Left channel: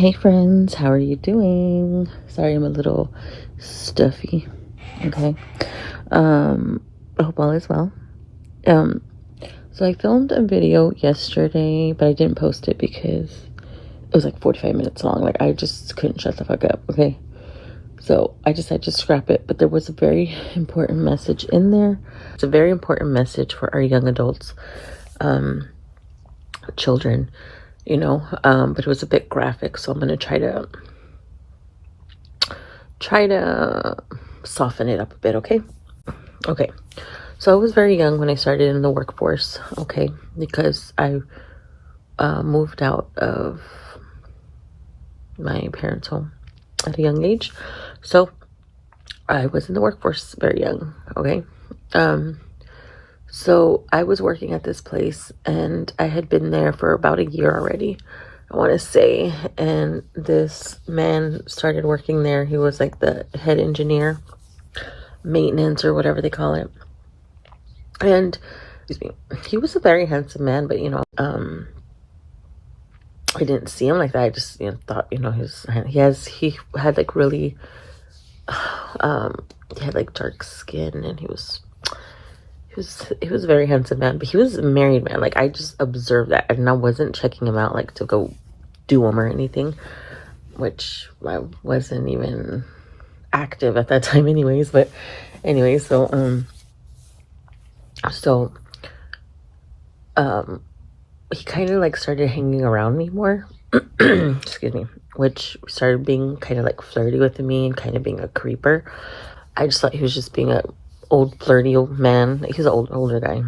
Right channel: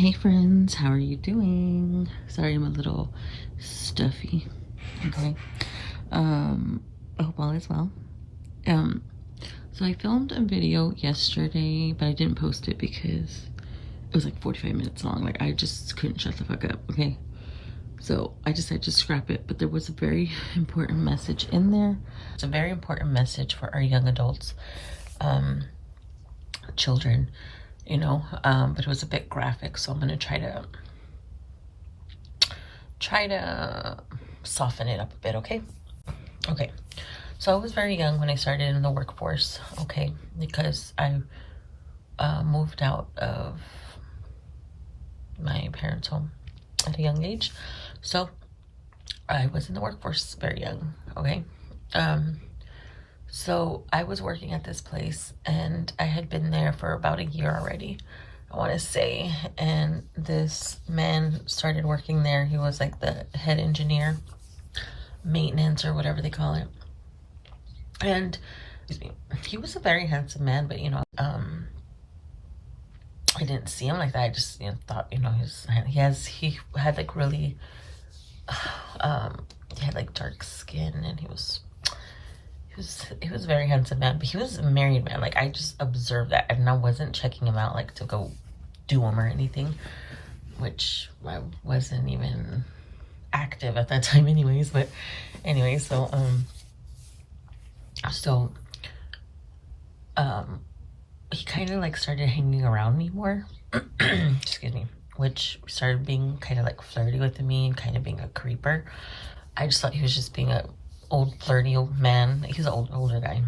Hey friends, how are you doing? Sorry, I'm a little stuffy. Okay. I hope all is well. So I filmed a video yesterday, but I didn't post it because it was like 45 minutes long. Like, I just couldn't shut the fuck up. Okay. So I decided to scrap it, but there was a very important message in there. It's a very important message for our young adults, children, but it was a bit graphic, so I'm gonna try to soften it up a bit. Okay. So I was very young when I started in the workforce. Okay, because I moved out of my parents' home at a young age, so I was in the workforce very young. Okay. So I was working at this place, and I had been there for about a year already, I want to say. And this man started working there. He was like the head engineer, maintenance, or whatever they call it. And excuse me, he was a very handsome man, but I didn't see him like that. I just thought he had like really he had like dark skin, and he was a very handsome man, but he was a married man. Like, I just observed that, and I wasn't checking him out like to go do him or anything, which I wasn't even active at that time anyways. But anyway, so he kind of like started hanging around me more. Excuse me. Which started being kind of like flirty with me and kind of being a creeper. I just thought he was just being a old flirty old man. Like, he's an older guy,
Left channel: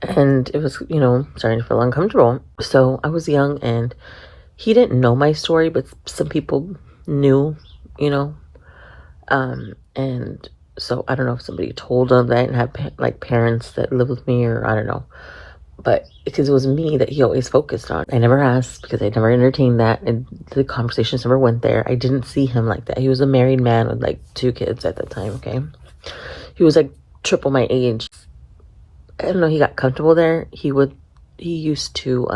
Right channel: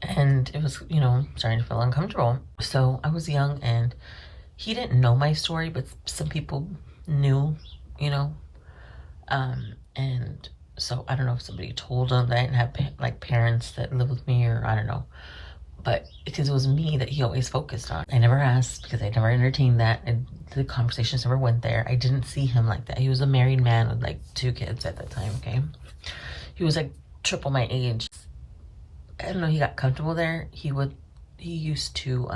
and it was starting to feel uncomfortable. So I was young, and he didn't know my story, but some people knew, and so I don't know if somebody told him that I didn't have like parents that live with me, or I don't know. But because it was me that he always focused on, I never asked because I never entertained that, and the conversations never went there. I didn't see him like that. He was a married man with like 2 kids at that time. Okay, he was like triple my age. I don't know. He got comfortable there. He used to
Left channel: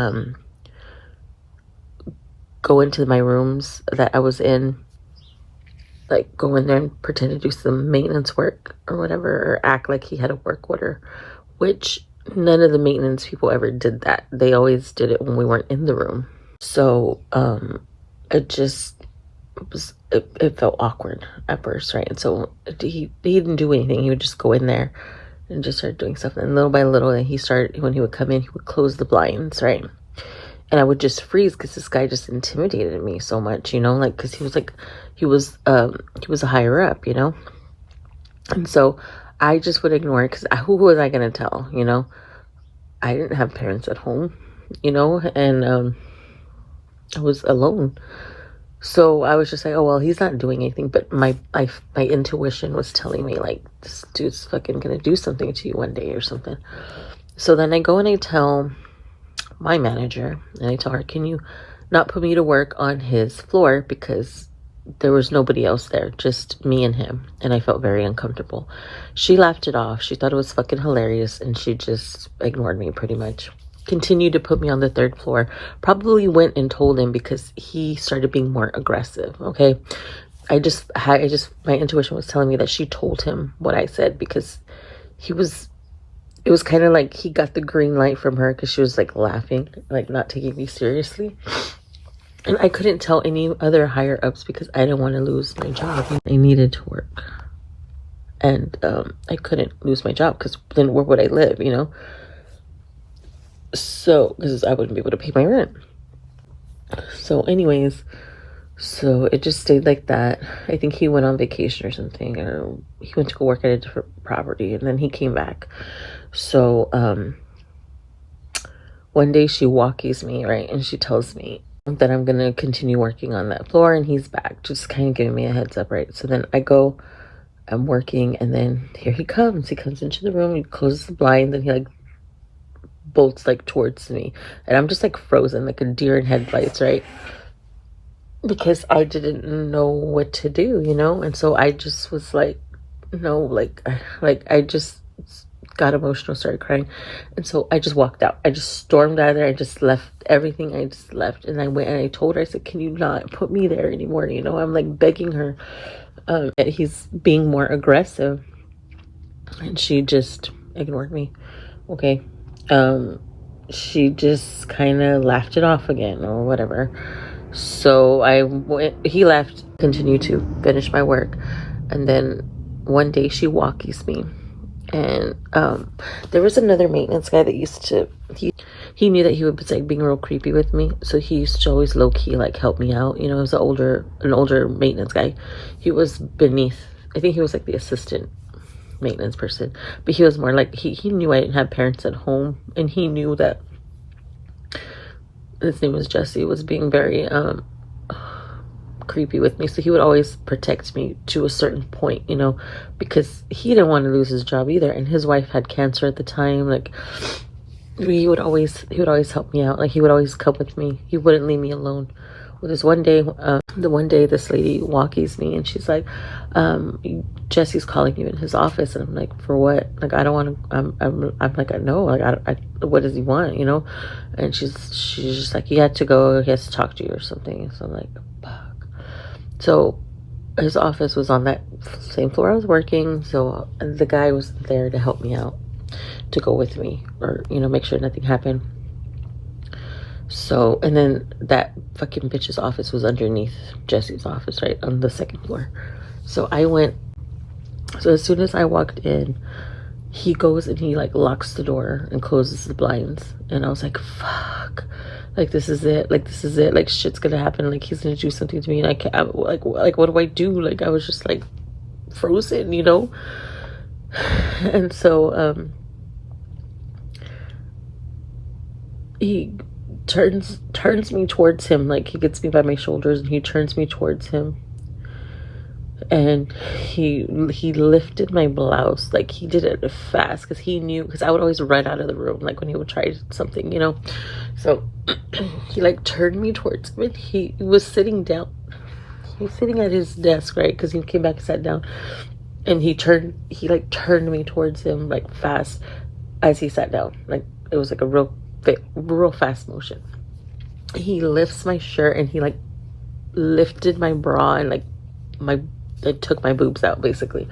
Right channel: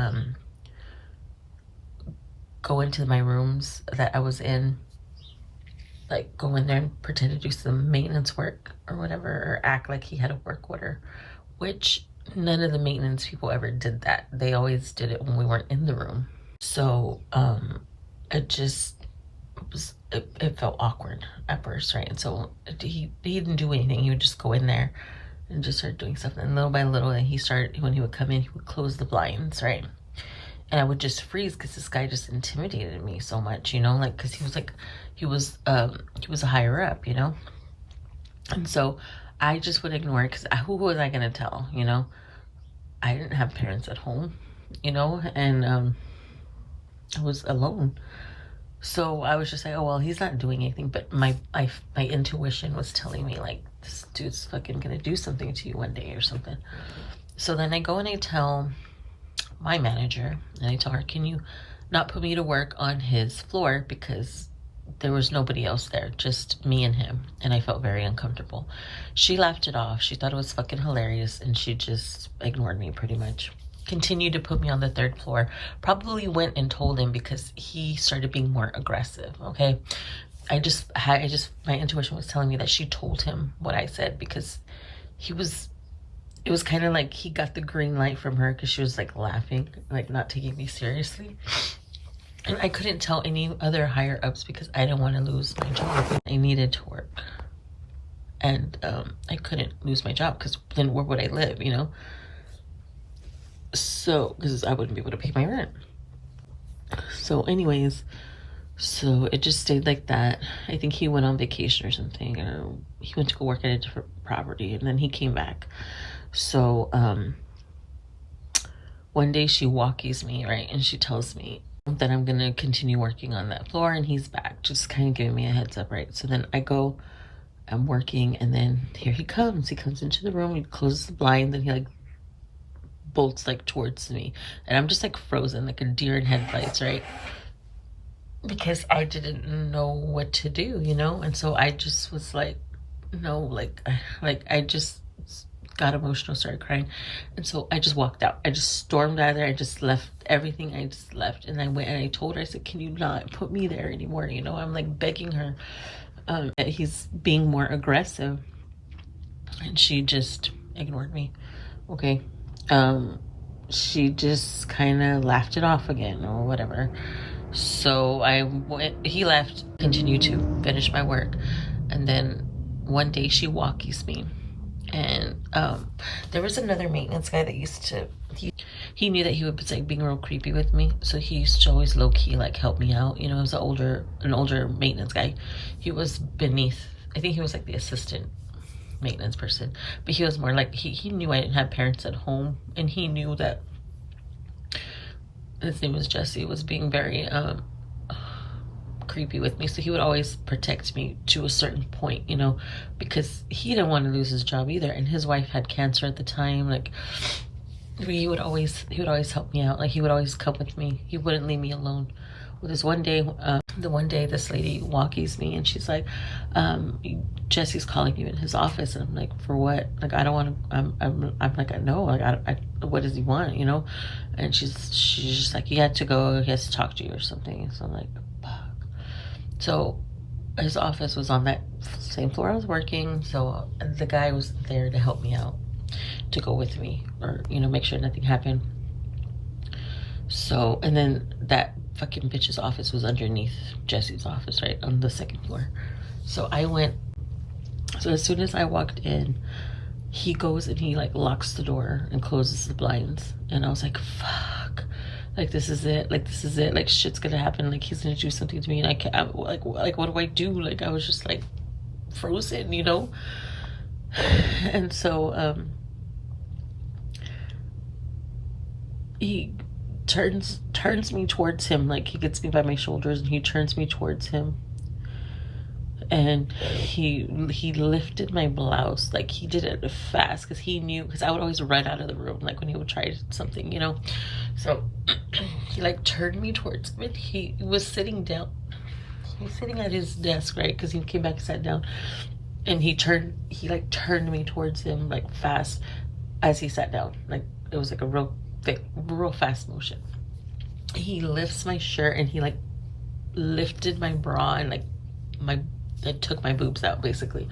go into my rooms that I was in, like go in there and pretend to do some maintenance work or whatever, or act like he had a work order, which none of the maintenance people ever did that. They always did it when we weren't in the room. So it felt awkward at first, right? And so he didn't do anything. He would just go in there and just start doing stuff. And little by little, when he would come in, he would close the blinds, right? And I would just freeze because this guy just intimidated me so much, like, because he was a higher up, and so I just would ignore it, because who was I gonna tell? I didn't have parents at home, and I was alone. So I was just like, oh well, he's not doing anything. But my intuition was telling me, like, this dude's fucking gonna do something to you one day or something. So then I go and I tell my manager, and I tell her, can you not put me to work on his floor, because there was nobody else there, just me and him. And I felt very uncomfortable. She laughed it off. She thought it was fucking hilarious, and she just ignored me pretty much. Continued to put me on the 3rd floor. Probably went and told him, because he started being more aggressive. Okay, my intuition was telling me that she told him what I said, because it was kind of like he got the green light from her, because she was like laughing, like not taking me seriously. And I couldn't tell any other higher ups, because I didn't want to lose my job. I needed to work, and I couldn't lose my job, because then where would I live, So, because I wouldn't be able to pay my rent. So anyways, so it just stayed like that. I think he went on vacation or something, or he went to go work at a different property, and then he came back. So one day she walkies me, right, and she tells me that I'm gonna continue working on that floor, and he's back, just kind of giving me a heads up, right? So then I'm working, and then here he comes into the room, he closes the blinds, and he like bolts like towards me, and I'm just like frozen like a deer in headlights, right? Because I didn't know what to do, and so I just was like, no, like I just got emotional, started crying. And so I just walked out. I just stormed out of there. I just left everything. I just left. And I went and I told her, I said, can you not put me there anymore? You know, I'm like begging her. That he's being more aggressive. And she just ignored me. Okay. She just kind of laughed it off again or whatever. So he left, continued to finish my work. And then one day she walkies me. And there was another maintenance guy that used to, he knew that he was like being real creepy with me, so he used to always low-key like help me out. You know, it was an older maintenance guy. He was beneath, I think he was like the assistant maintenance person, but he was more like, he knew I didn't have parents at home, and he knew that his name was Jesse, was being very creepy with me, so he would always protect me to a certain point, you know, because he didn't want to lose his job either, and his wife had cancer at the time. Like, he would always help me out. Like, he would always come with me. He wouldn't leave me alone. Well, this one day, this lady walkies me, and she's like, Jesse's calling you in his office. And I'm like, for what? Like, I don't want to, I'm like, no, like, what does he want, you know? And she's just like, he had to go, he has to talk to you or something. So I'm like, fuck. So his office was on that same floor I was working. So the guy was there to help me out, to go with me, or, you know, make sure nothing happened. So, and then that fucking bitch's office was underneath Jesse's office, right on the second floor. So so as soon as I walked in, he goes and he like locks the door and closes the blinds. And I was like, fuck, like, this is it. Like, this is it. Like, shit's gonna happen. Like, he's gonna do something to me. And I can't, like, what do I do? Like, I was just like frozen, you know? And so, he turns me towards him. Like, he gets me by my shoulders and he turns me towards him, and he lifted my blouse. Like, he did it fast, because he knew, because I would always run out of the room like when he would try something, you know. So he like turned me towards him, and he was sitting down. He's sitting at his desk, right, because he came back and sat down, and he like turned me towards him like fast as he sat down. Like, it was like a real fast motion. He lifts my shirt, and he like lifted my bra, and like it took my boobs out basically.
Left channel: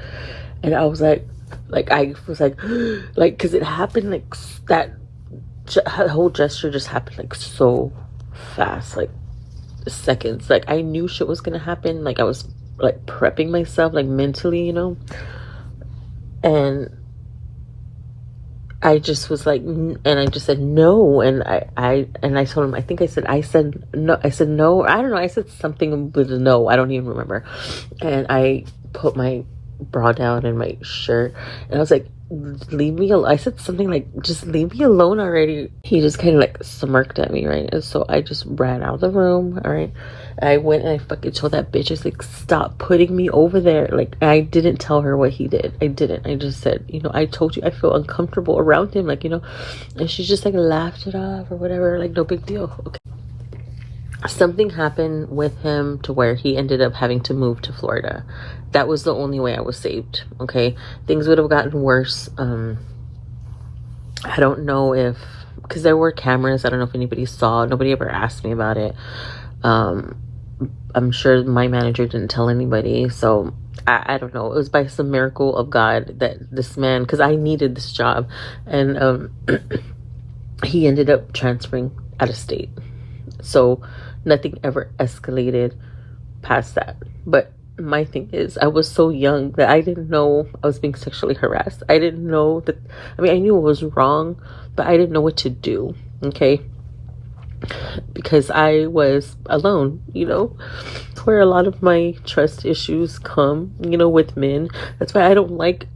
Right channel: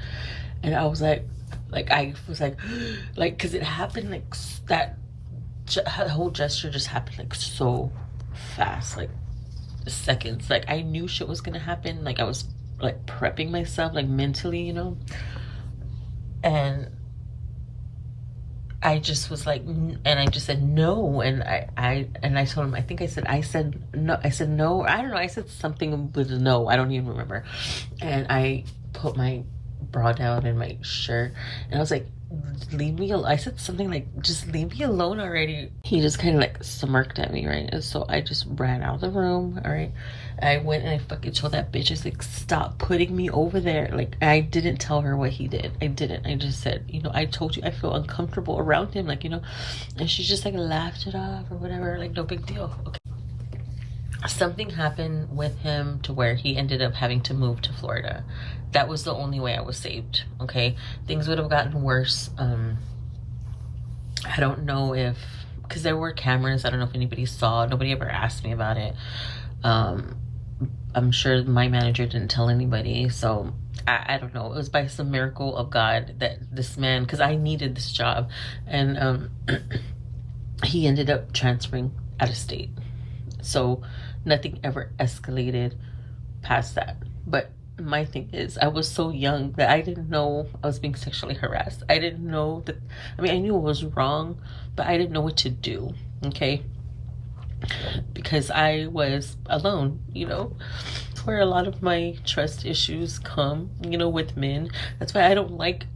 And I was like I was like because it happened like that whole gesture just happened like so fast, like seconds. Like, I knew shit was gonna happen. Like, I was like prepping myself like mentally, you know. And I just was like, and I just said no, and I told him, I said no, I don't know, I said something with a no, I don't even remember. And I put my bra down and my shirt, and I was like, leave me alone. I said something like, just leave me alone already. He just kind of like smirked at me, right? And so I just ran out of the room, all right? And I went and I fucking told that bitch, I was like, stop putting me over there. Like, I didn't tell her what he did. I didn't. I just said, you know, I told you I feel uncomfortable around him, like, you know. And she just like laughed it off or whatever, like, no big deal. Okay. Something happened with him to where he ended up having to move to Florida. That was the only way I was saved, okay? Things would have gotten worse. I don't know if, because there were cameras, I don't know if anybody saw. Nobody ever asked me about it. I'm sure my manager didn't tell anybody, so I don't know. It was by some miracle of God that this man, because I needed this job, and he ended up transferring out of state. So nothing ever escalated past that. But my thing is, I was so young that I didn't know I was being sexually harassed. I didn't know that, I mean, I knew it was wrong, but I didn't know what to do, okay? Because I was alone, you know, where a lot of my trust issues come, you know, with men. That's why I don't like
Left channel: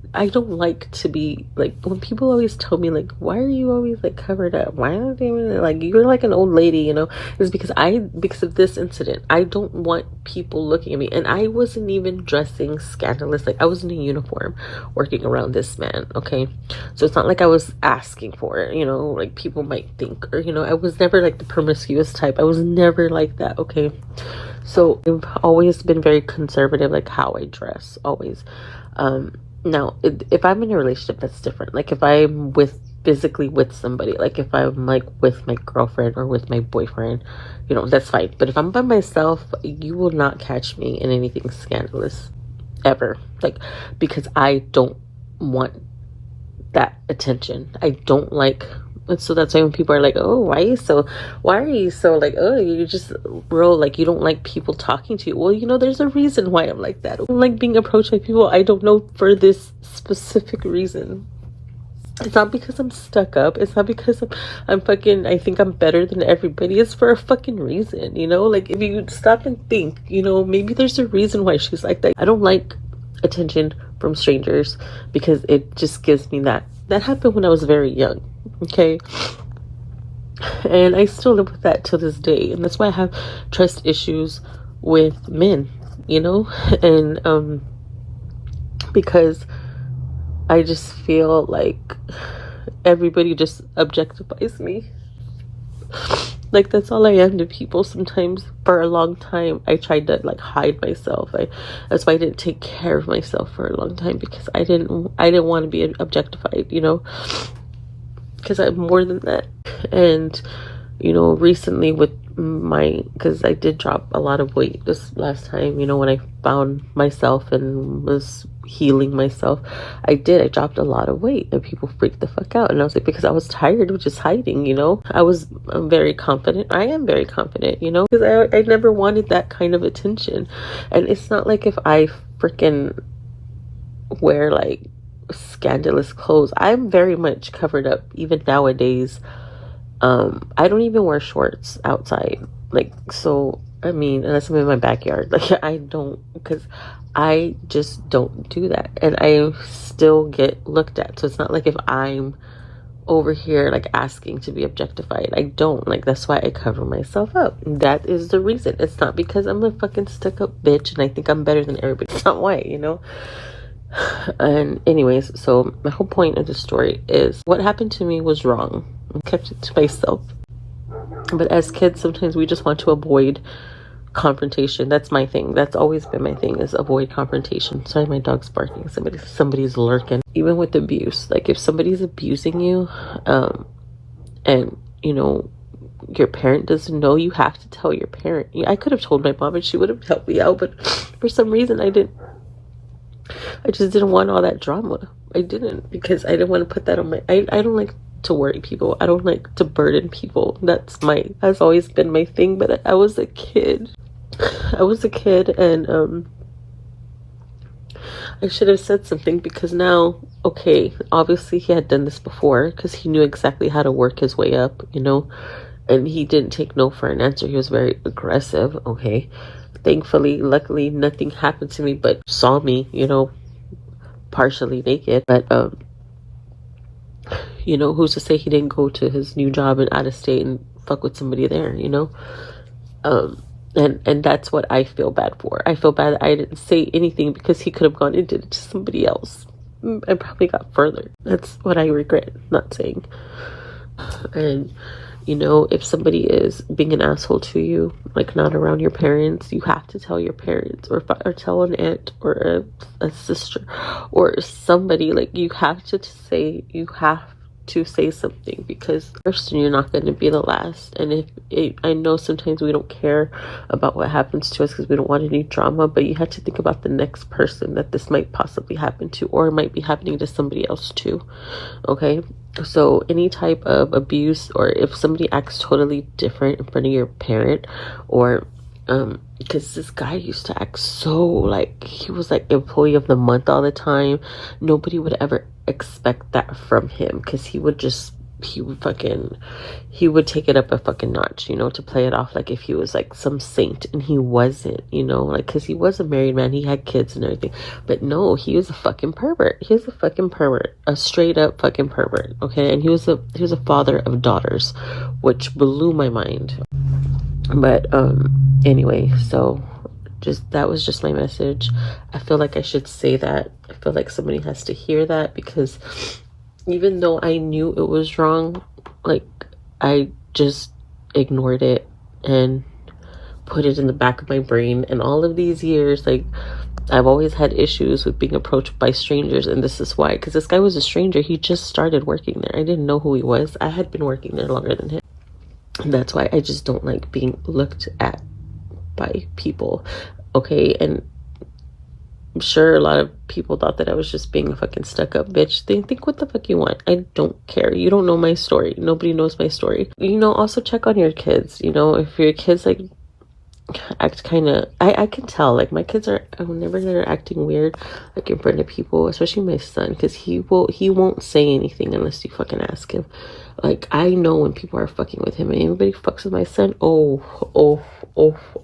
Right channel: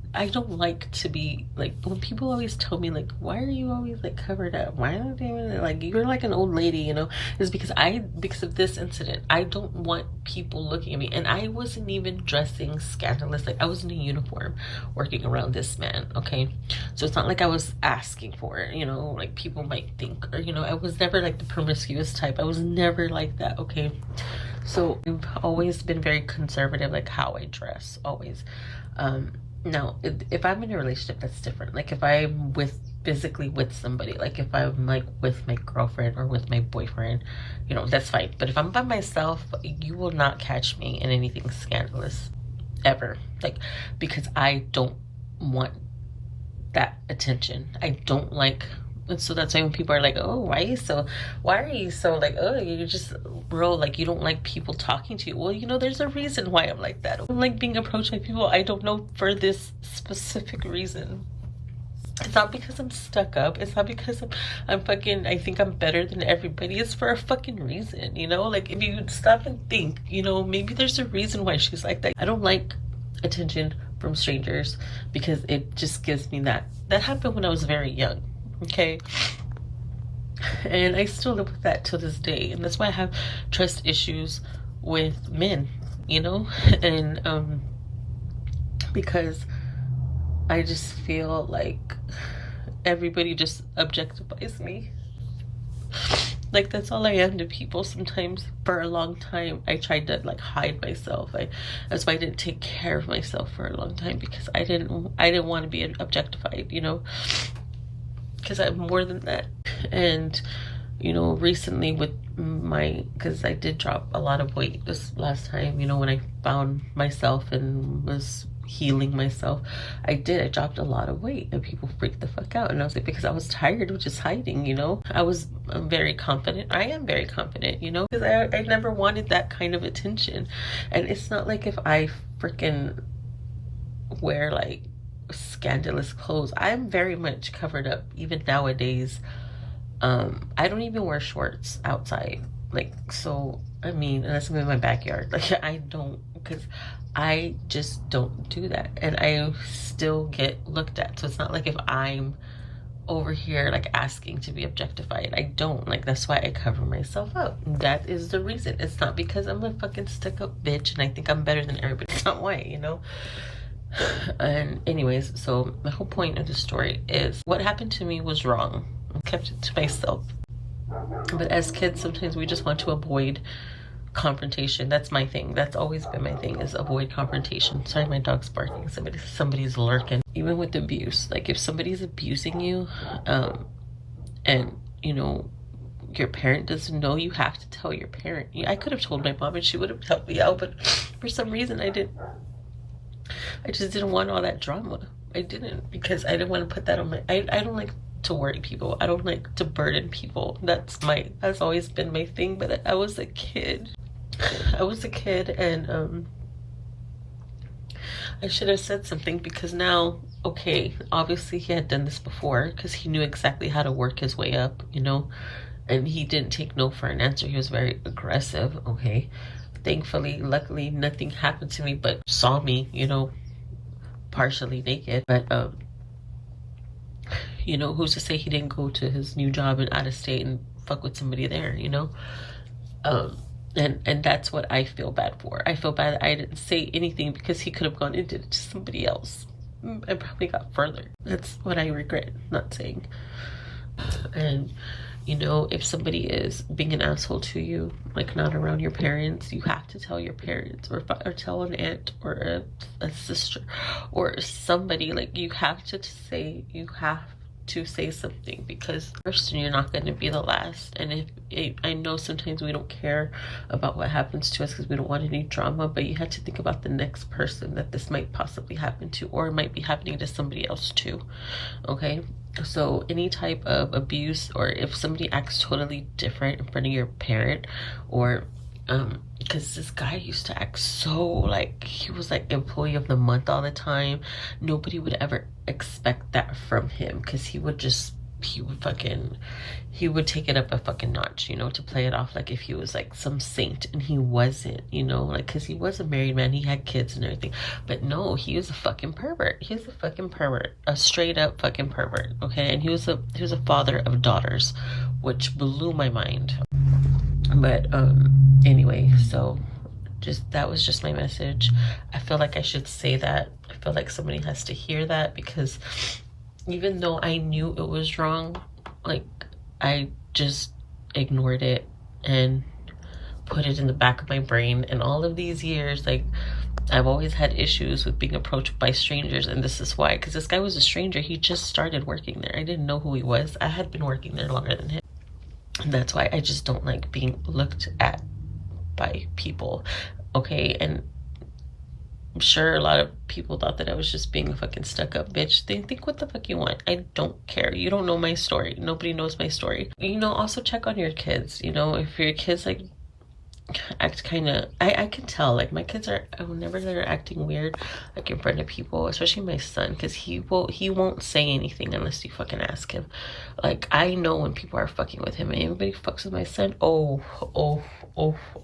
to be like, when people always tell me like, why are you always like covered up, why are they like, you're like an old lady, you know. It's because of this incident. I don't want people looking at me, and I wasn't even dressing scandalous. Like, I was in a uniform working around this man, okay? So it's not like I was asking for it, you know, like people might think, or, you know, I was never like the promiscuous type. I was never like that, okay? So I've always been very conservative, like how I dress, always. Now, if I'm in a relationship, that's different. Like if I'm with physically with somebody, like if I'm like with my girlfriend or with my boyfriend, you know, that's fine. But if I'm by myself, you will not catch me in anything scandalous ever. Like, because I don't want that attention. I don't like. And so that's why when people are like, oh, why are you so like, oh, you just, bro, like you don't like people talking to you. Well, you know, there's a reason why I'm like that. I don't like being approached by people I don't know for this specific reason. It's not because I'm stuck up. It's not because I'm fucking, I think I'm better than everybody. It's for a fucking reason, you know? Like, if you stop and think, you know, maybe there's a reason why she's like that. I don't like attention from strangers because it just gives me that. That happened when I was very young, okay? And I still live with that till this day. And that's why I have trust issues with men, you know? And, because I just feel like everybody just objectifies me. Like that's all I am to people. Sometimes for a long time I tried to like hide myself. That's why I didn't take care of myself for a long time, because I didn't want to be objectified, you know, because I'm more than that. And you know, recently with because I did drop a lot of weight this last time, you know, when I found myself and was healing myself, I dropped a lot of weight, and people freaked the fuck out. And I was like, because I was tired of just hiding, you know. I'm very confident. I am very confident, you know, because I never wanted that kind of attention. And it's not like if I freaking wear like scandalous clothes, I'm very much covered up even nowadays. I don't even wear shorts outside, like, so I mean, unless I'm in my backyard, like I don't, because I just don't do that, and I still get looked at. So it's not like if I'm over here like asking to be objectified, I don't. Like, that's why I cover myself up. That is the reason. It's not because I'm a fucking stuck up bitch and I think I'm better than everybody. It's not why, you know. And anyways, so my whole point of the story is what happened to me was wrong. I kept it to myself. But as kids, sometimes we just want to avoid confrontation. That's my thing. That's always been my thing, is avoid confrontation. Sorry, my dog's barking. Somebody's lurking. Even with abuse, like if somebody's abusing you, and you know, your parent doesn't know, you have to tell your parent. I could have told my mom and she would have helped me out, but for some reason I didn't. I just didn't want all that drama. I didn't, because I didn't want to put that on my, I don't like to worry people. I don't like to burden people. That's always been my thing. But I was a kid. And I should have said something, because now, okay, obviously he had done this before, because he knew exactly how to work his way up, you know, and he didn't take no for an answer. He was very aggressive, okay. Thankfully, luckily, nothing happened to me, but saw me, you know, partially naked. But you know, who's to say he didn't go to his new job and out of state and fuck with somebody there, you know? And that's what I feel bad for. I feel bad that I didn't say anything, because he could have gone into it to somebody else and probably got further. That's what I regret not saying. And you know, if somebody is being an asshole to you, like not around your parents, you have to tell your parents, or tell an aunt or a sister or somebody. Like, you have to say something, because first, you're not going to be the last. And I know sometimes we don't care about what happens to us because we don't want any drama, but you have to think about the next person that this might possibly happen to, or it might be happening to somebody else too. Okay, so any type of abuse, or if somebody acts totally different in front of your parent, or because this guy used to act so like he was like employee of the month all the time. Nobody would ever expect that from him, because he would take it up a fucking notch, you know, to play it off like if he was like some saint, and he wasn't, you know, like, because he was a married man, he had kids and everything, but no, he was a fucking pervert. He was a fucking pervert, a straight up fucking pervert, okay. And he was a father of daughters, which blew my mind. But anyway, so that was just my message. I feel like I should say that. I feel like somebody has to hear that, because even though I knew it was wrong, like, I just ignored it and put it in the back of my brain. And all of these years, like, I've always had issues with being approached by strangers, and this is why. Because this guy was a stranger. He just started working there. I didn't know who he was. I had been working there longer than him. And that's why I just don't like being looked at by people. Okay, and I'm sure a lot of people thought that I was just being a fucking stuck-up bitch. They think what the fuck you want. I don't care. You don't know my story. Nobody knows my story. You know, also check on your kids. You know, if your kids like act kind of, I can tell, like, my kids are, whenever they're acting weird, like in front of people, especially my son, because he won't say anything unless you fucking ask him. Like, I know when people are fucking with him, and anybody fucks with my son, oh,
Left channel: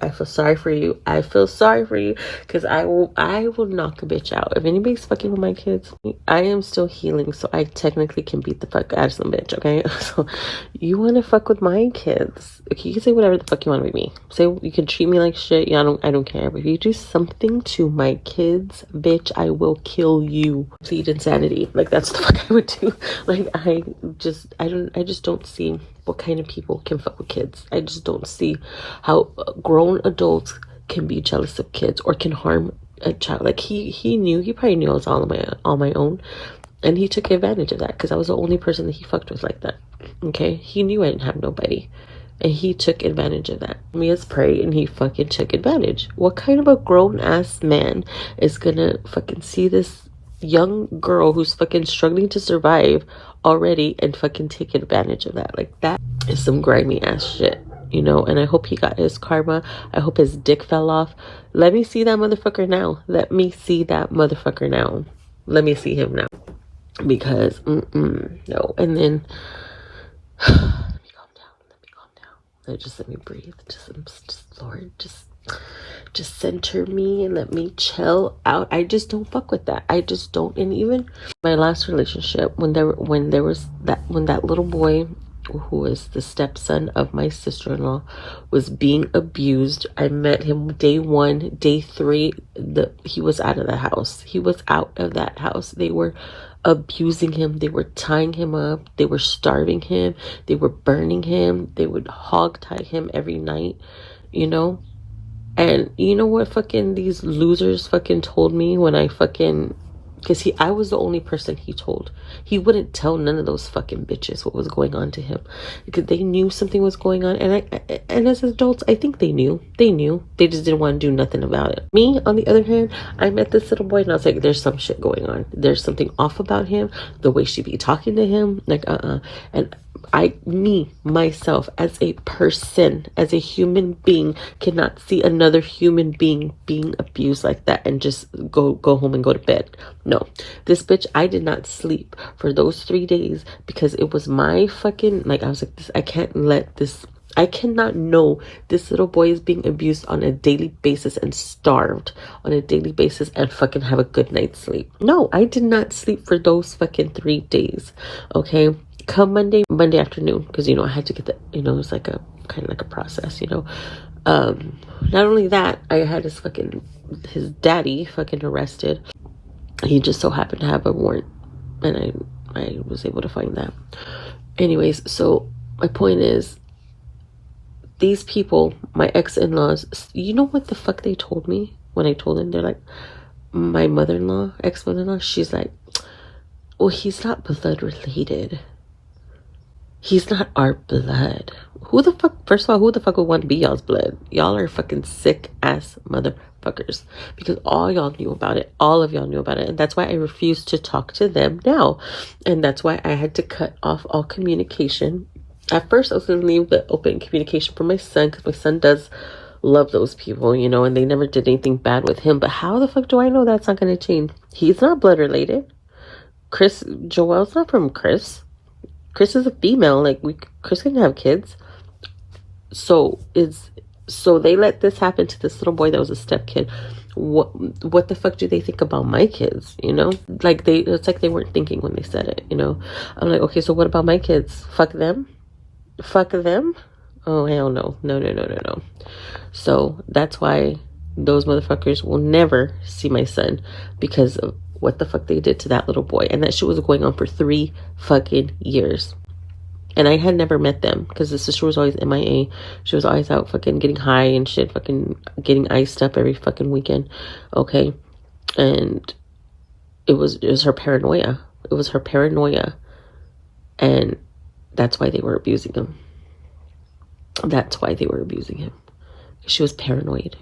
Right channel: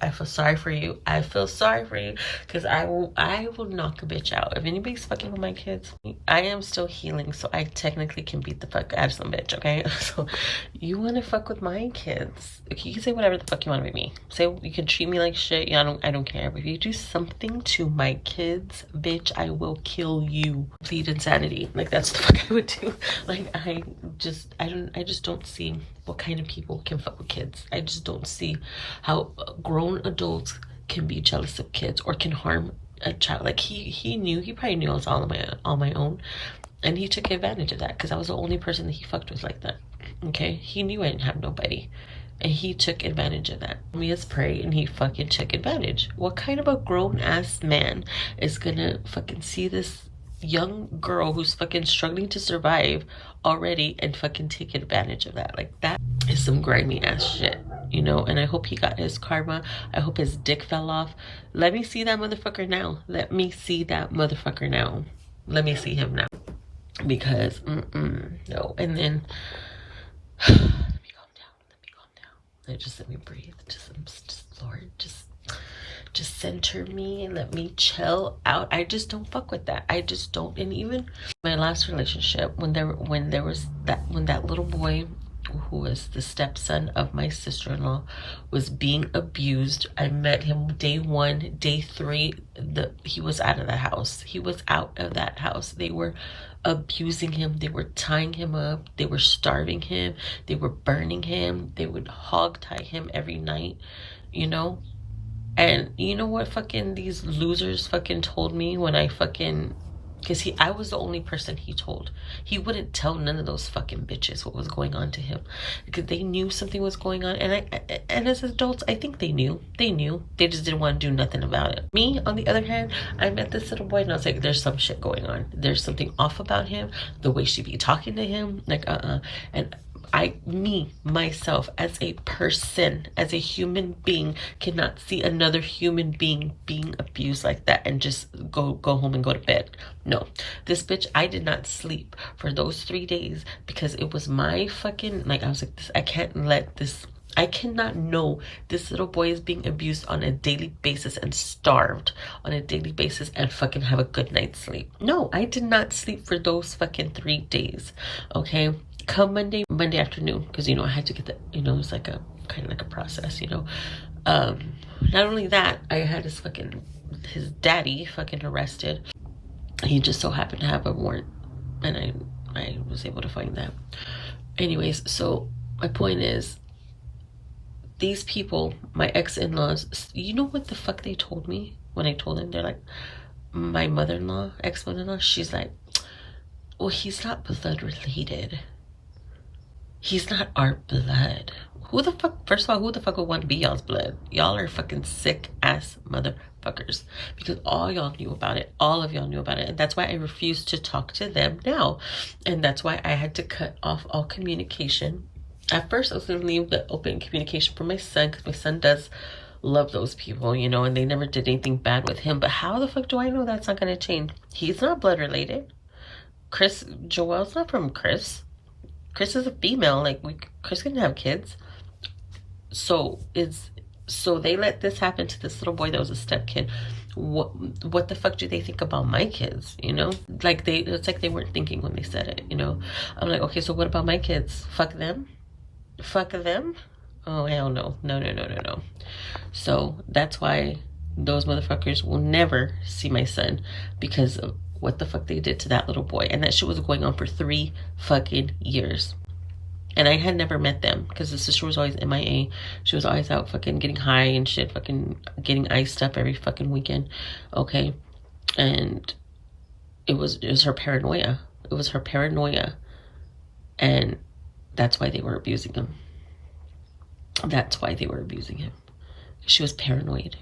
I feel sorry for you. I feel sorry for you, because I will knock a bitch out. If anybody's fucking with my kids, I am still healing, so I technically can beat the fuck out of some bitch, okay? So, you want to fuck with my kids, okay, you can say whatever the fuck you want with me. Say, you can treat me like shit, yeah, I don't care. But if you do something to my kids, bitch, I will kill you. Complete insanity. Like, that's the fuck I would do. Like, I just don't see what kind of people can fuck with kids. I just don't see how grown adults can be jealous of kids or can harm a child. Like, he probably knew I was all on my own, and he took advantage of that because I was the only person that he fucked with like that. Okay, he knew I didn't have nobody, and he took advantage of that. Me as prey, and he fucking took advantage. What kind of a grown ass man is gonna fucking see this young girl who's fucking struggling to survive already and fucking take advantage of that? Like, that is some grimy ass shit, you know? And I hope he got his karma. I hope his dick fell off. Let me see that motherfucker now. Let me see that motherfucker now. Let me see him now. Because no. And then let me calm down. Just let me breathe. Just Lord, just center me and let me chill out. I just don't fuck with that. I just don't. And even my last relationship, when that little boy who was the stepson of my sister-in-law was being abused, I met him day 1, day 3, he was out of the house. He was out of that house. They were abusing him. They were tying him up. They were starving him. They were burning him. They would hog tie him every night, you know? And you know what fucking these losers fucking told me when I fucking, because I was the only person he told. He wouldn't tell none of those fucking bitches what was going on to him, because they knew something was going on. And as adults, I think they knew. They just didn't want to do nothing about it. Me, on the other hand, I met this little boy and I was like, there's some shit going on. There's something off about him. The way she be talking to him, like, and myself, as a person, as a human being, cannot see another human being being abused like that and just go home and go to bed. No, this bitch, I did not sleep for those 3 days because it was my fucking, like, I was like, I cannot know this little boy is being abused on a daily basis and starved on a daily basis and fucking have a good night's sleep. No, I did not sleep for those fucking 3 days. Okay. Come Monday afternoon, because, you know, I had to get the, you know, it's like a kind of like a process, you know. Not only that, I had his daddy fucking arrested. He just so happened to have a warrant, and I was able to find that. Anyways, so my point is, these people, my ex-in-laws, you know what the fuck they told me when I told them? They're like, my mother-in-law, ex-mother-in-law, she's like, well, he's not blood related. He's not our blood. Who the fuck, first of all, who the fuck would want to be y'all's blood? Y'all are fucking sick ass motherfuckers. Because all y'all knew about it. All of y'all knew about it. And that's why I refused to talk to them now. And that's why I had to cut off all communication. At first, I was going to leave the open communication for my son, because my son does love those people, you know, and they never did anything bad with him. But how the fuck do I know that's not going to change? He's not blood related. Joelle's not from Chris. Chris is a female. Like, Chris couldn't have kids. So they let this happen to this little boy that was a step kid. What the fuck do they think about my kids? You know, like, it's like they weren't thinking when they said it. You know, I'm like, okay, so what about my kids? Fuck them. Oh, hell no. No. So that's why those motherfuckers will never see my son, because of what the fuck they did to that little boy. And that shit was going on for 3 fucking years. And I had never met them, because the sister was always MIA. She was always out fucking getting high and shit, fucking getting iced up every fucking weekend. Okay. And it was her paranoia. It was her paranoia. And that's why they were abusing him. That's why they were abusing him. She was paranoid.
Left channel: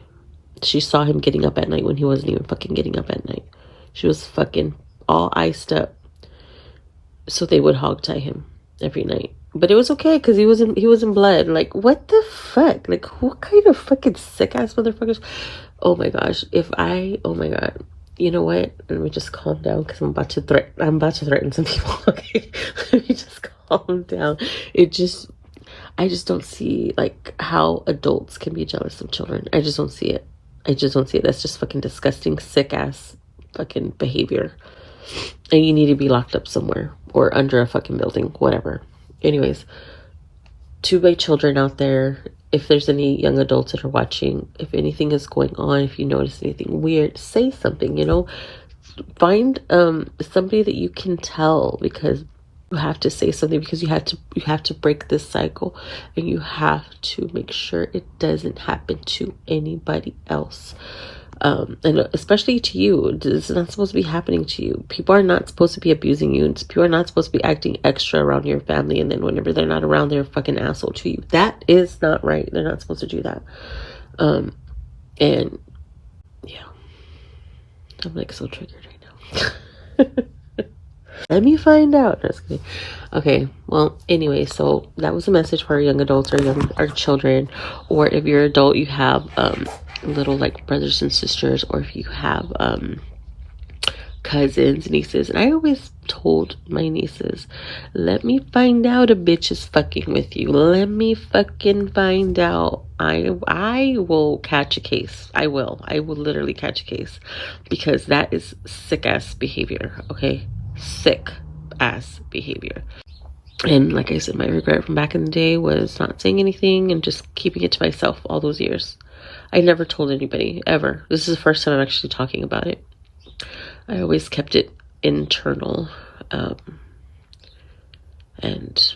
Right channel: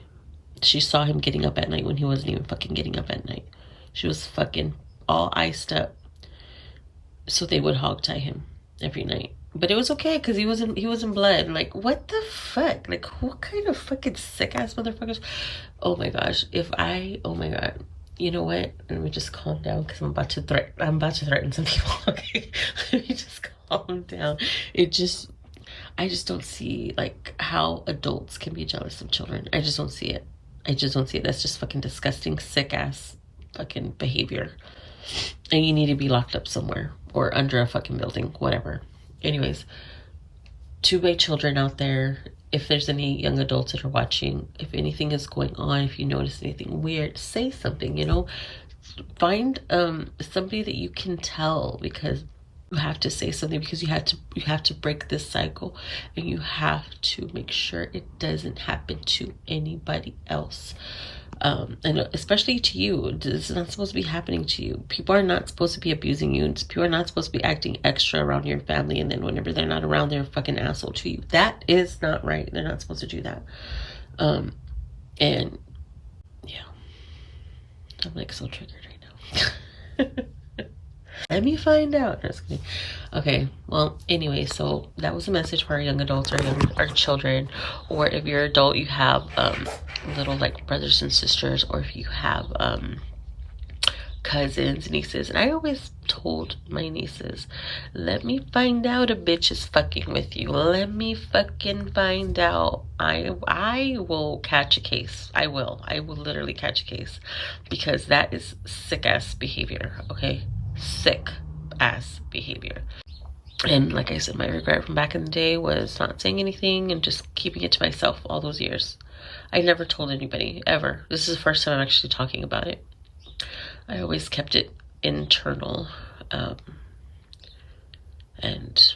She saw him getting up at night when he wasn't even fucking getting up at night. She was fucking all iced up. So they would hog tie him every night. But it was okay because he was in blood. Like, what the fuck? Like, what kind of fucking sick ass motherfuckers? Oh my gosh. Oh my god. You know what? Let me just calm down because I'm about to threaten some people. Okay. Let me just calm down. I just don't see like how adults can be jealous of children. I just don't see it. I just don't see it. That's just fucking disgusting, sick ass fucking behavior. And you need to be locked up somewhere or under a fucking building, whatever. Anyways, to my children out there, if there's any young adults that are watching, if anything is going on, if you notice anything weird, say something, you know. Find somebody that you can tell, because you have to say something, because you have to break this cycle, and you have to make sure it doesn't happen to anybody else. And especially to you. This is not supposed to be happening to you. People are not supposed to be abusing you. People are not supposed to be acting extra around your family, and then whenever they're not around, they're a fucking asshole to you. That is not right. They're not supposed to do that. And yeah, I'm like so triggered right now. Let me find out. Okay, well, anyway, so that was a message for our young adults, our children, or if you're an adult, you have little like brothers and sisters, or if you have cousins, nieces. And I always told my nieces, let me find out a bitch is fucking with you. Let me fucking find out. I will catch a case. I will literally catch a case, because that is sick ass behavior. Okay, sick ass behavior. And like I said, my regret from back in the day was not saying anything and just keeping it to myself all those years. I never told anybody, ever. This is the first time I'm actually talking about it. I always kept it internal. And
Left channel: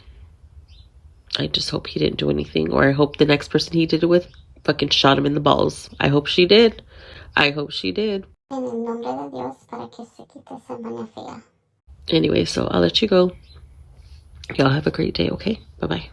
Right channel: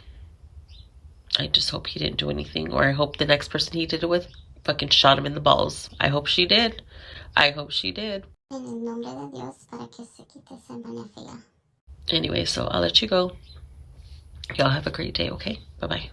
I just hope he didn't do anything. Or I hope the next person he did it with fucking shot him in the balls. I hope she did. I hope she did. Anyway, so I'll let you go. Y'all have a great day, okay? Bye-bye.